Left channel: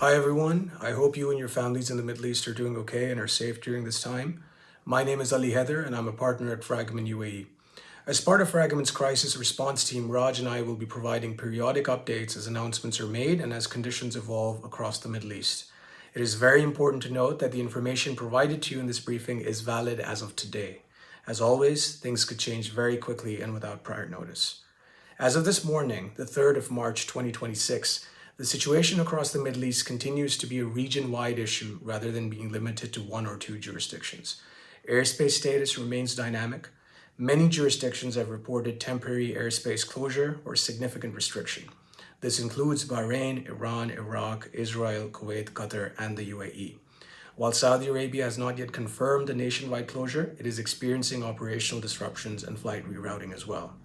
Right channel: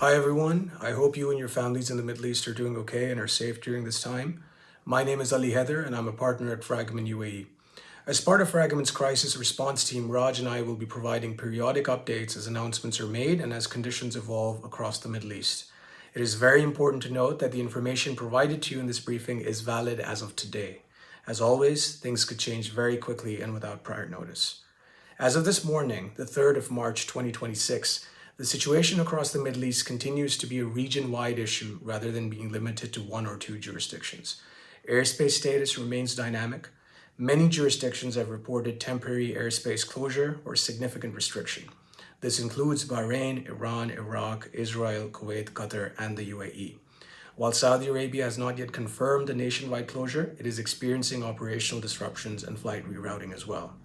Hi everyone, I hope you and your families in the Middle East are doing okay and are safe during this time. My name is Ali Heather and I'm a partner at Fragomen UAE. As part of Fragomen's crisis response team, Raj and I will be providing periodic updates as announcements are made and as conditions evolve across the Middle East. It is very important to note that the information provided to you in this briefing is valid as of today. As always, things could change very quickly and without prior notice. As of this morning, the 3rd of March 2026, the situation across the Middle East continues to be a region-wide issue rather than being limited to one or two jurisdictions. Airspace status remains dynamic. Many jurisdictions have reported temporary airspace closure or significant restriction. This includes Bahrain, Iran, Iraq, Israel, Kuwait, Qatar, and the UAE. While Saudi Arabia has not yet confirmed a nationwide closure, it is experiencing operational disruptions and flight rerouting as well.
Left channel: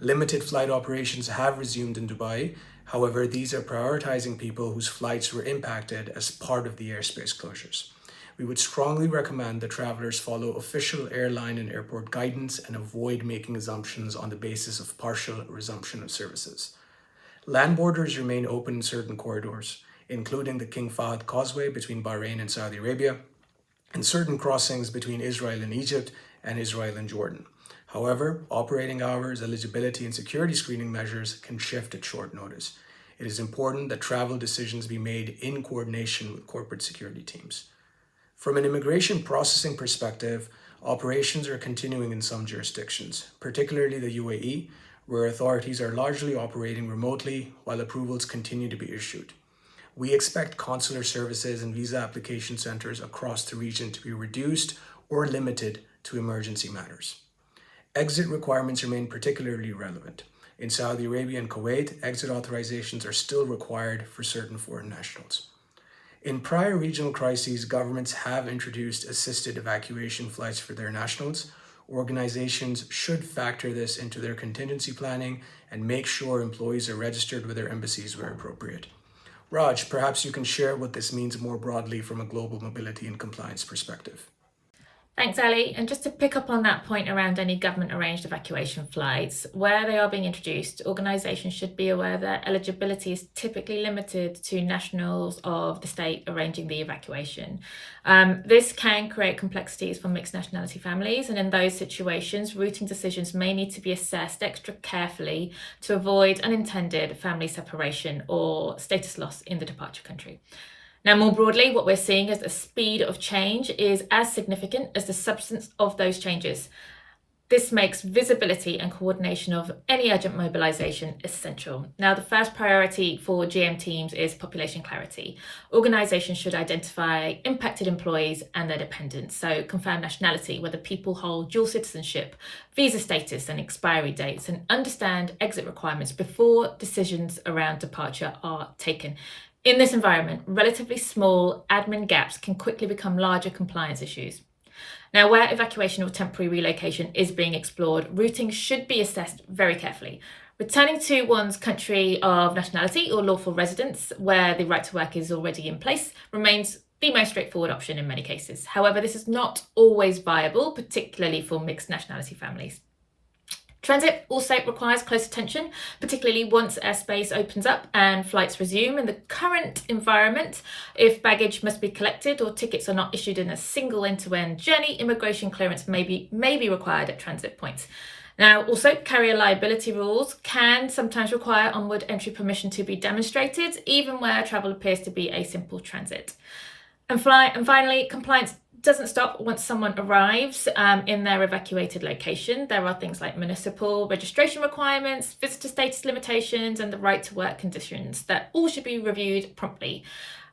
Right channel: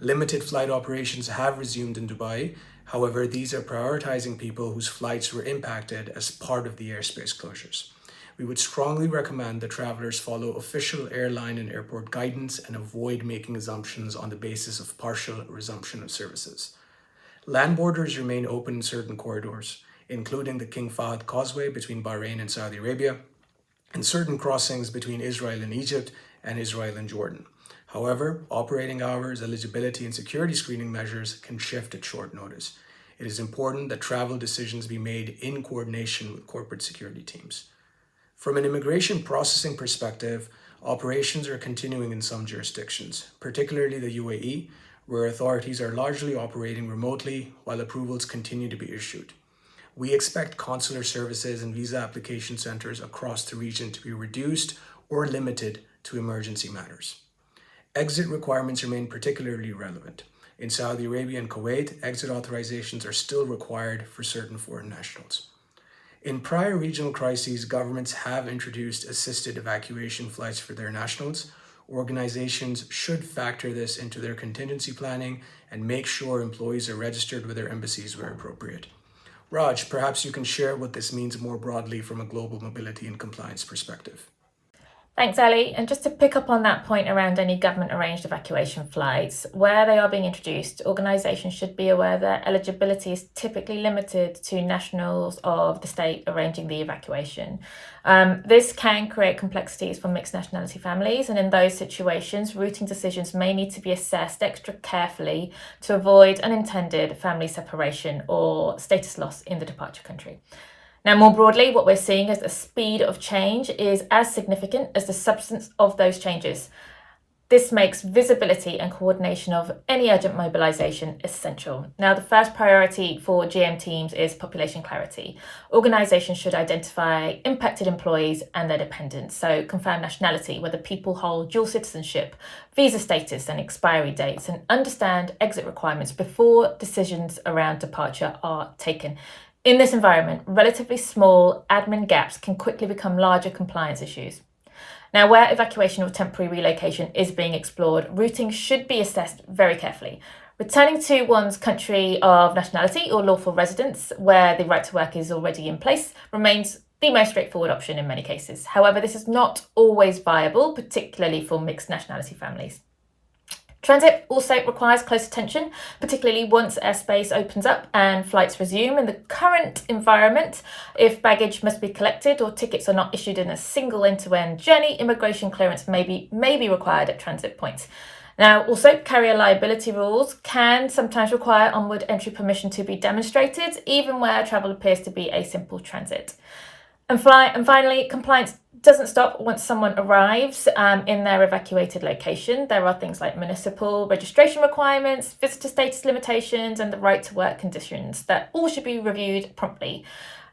Limited flight operations have resumed in Dubai. However, these are prioritizing people whose flights were impacted as part of the airspace closures. We would strongly recommend that travelers follow official airline and airport guidance and avoid making assumptions on the basis of partial resumption of services. Land borders remain open in certain corridors, including the King Fahd Causeway between Bahrain and Saudi Arabia, and certain crossings between Israel and Egypt and Israel and Jordan. However, operating hours, eligibility, and security screening measures can shift at short notice. It is important that travel decisions be made in coordination with corporate security teams. From an immigration processing perspective, operations are continuing in some jurisdictions, particularly the UAE, where authorities are largely operating remotely while approvals continue to be issued. We expect consular services and visa application centers across the region to be reduced or limited to emergency matters. Exit requirements remain particularly relevant. In Saudi Arabia and Kuwait, exit authorizations are still required for certain foreign nationals. In prior regional crises, governments have introduced assisted evacuation flights for their nationals. Organizations should factor this into their contingency planning and make sure employees are registered with their embassies where appropriate. Raj, perhaps you can share what this means more broadly from a global mobility and compliance perspective. Thanks, Ali. And just to pick up on that point around any government-arranged evacuation flights, where they are being introduced, organisations should be aware that eligibility is typically limited to nationals of the state arranging the evacuation. This can create complexities for mixed nationality families, and in those situations, routing decisions may need to be assessed extra carefully to avoid unintended family separation or status loss in the departure country. Now, more broadly, what we're seeing is the speed of change is as significant as the substance of those changes. This makes visibility and coordination of any urgent mobilisation essential. Now, the first priority for GM teams is population clarity. Organisations should identify impacted employees and their dependents, so confirm nationality, whether people hold dual citizenship, visa status and expiry dates, and understand exit requirements before decisions around departure are taken. In this environment, relatively small admin gaps can quickly become larger compliance issues. Now, where evacuation or temporary relocation is being explored, routing should be assessed very carefully. Returning to one's country of nationality or lawful residence, where the right to work is already in place, remains the most straightforward option in many cases. However, this is not always viable, particularly for mixed nationality families. Transit also requires close attention, particularly once airspace opens up and flights resume. In the current environment, if baggage must be collected or tickets are not issued in a single end-to-end journey, immigration clearance may be required at transit points. Now, also, carrier liability rules can sometimes require onward entry permission to be demonstrated, even where travel appears to be a simple transit. And finally, compliance doesn't stop once someone arrives in their evacuated location. There are things like municipal registration requirements, visitor status limitations, and the right to work conditions that all should be reviewed promptly.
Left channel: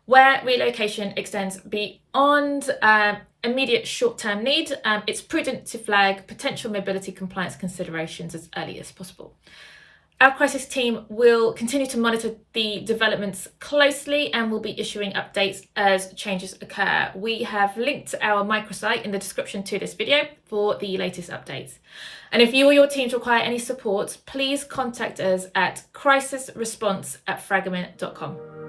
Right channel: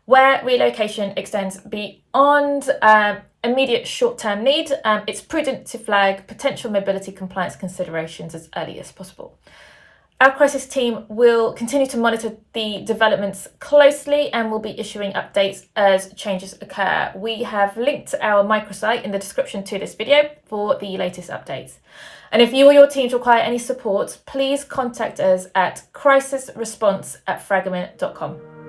Where relocation extends beyond immediate short-term need, it's prudent to flag potential mobility compliance considerations as early as possible. Our crisis team will continue to monitor the developments closely and will be issuing updates as changes occur. We have linked our microsite in the description to this video for the latest updates. And if you or your teams require any support, please contact us at crisisresponse@fragomen.com.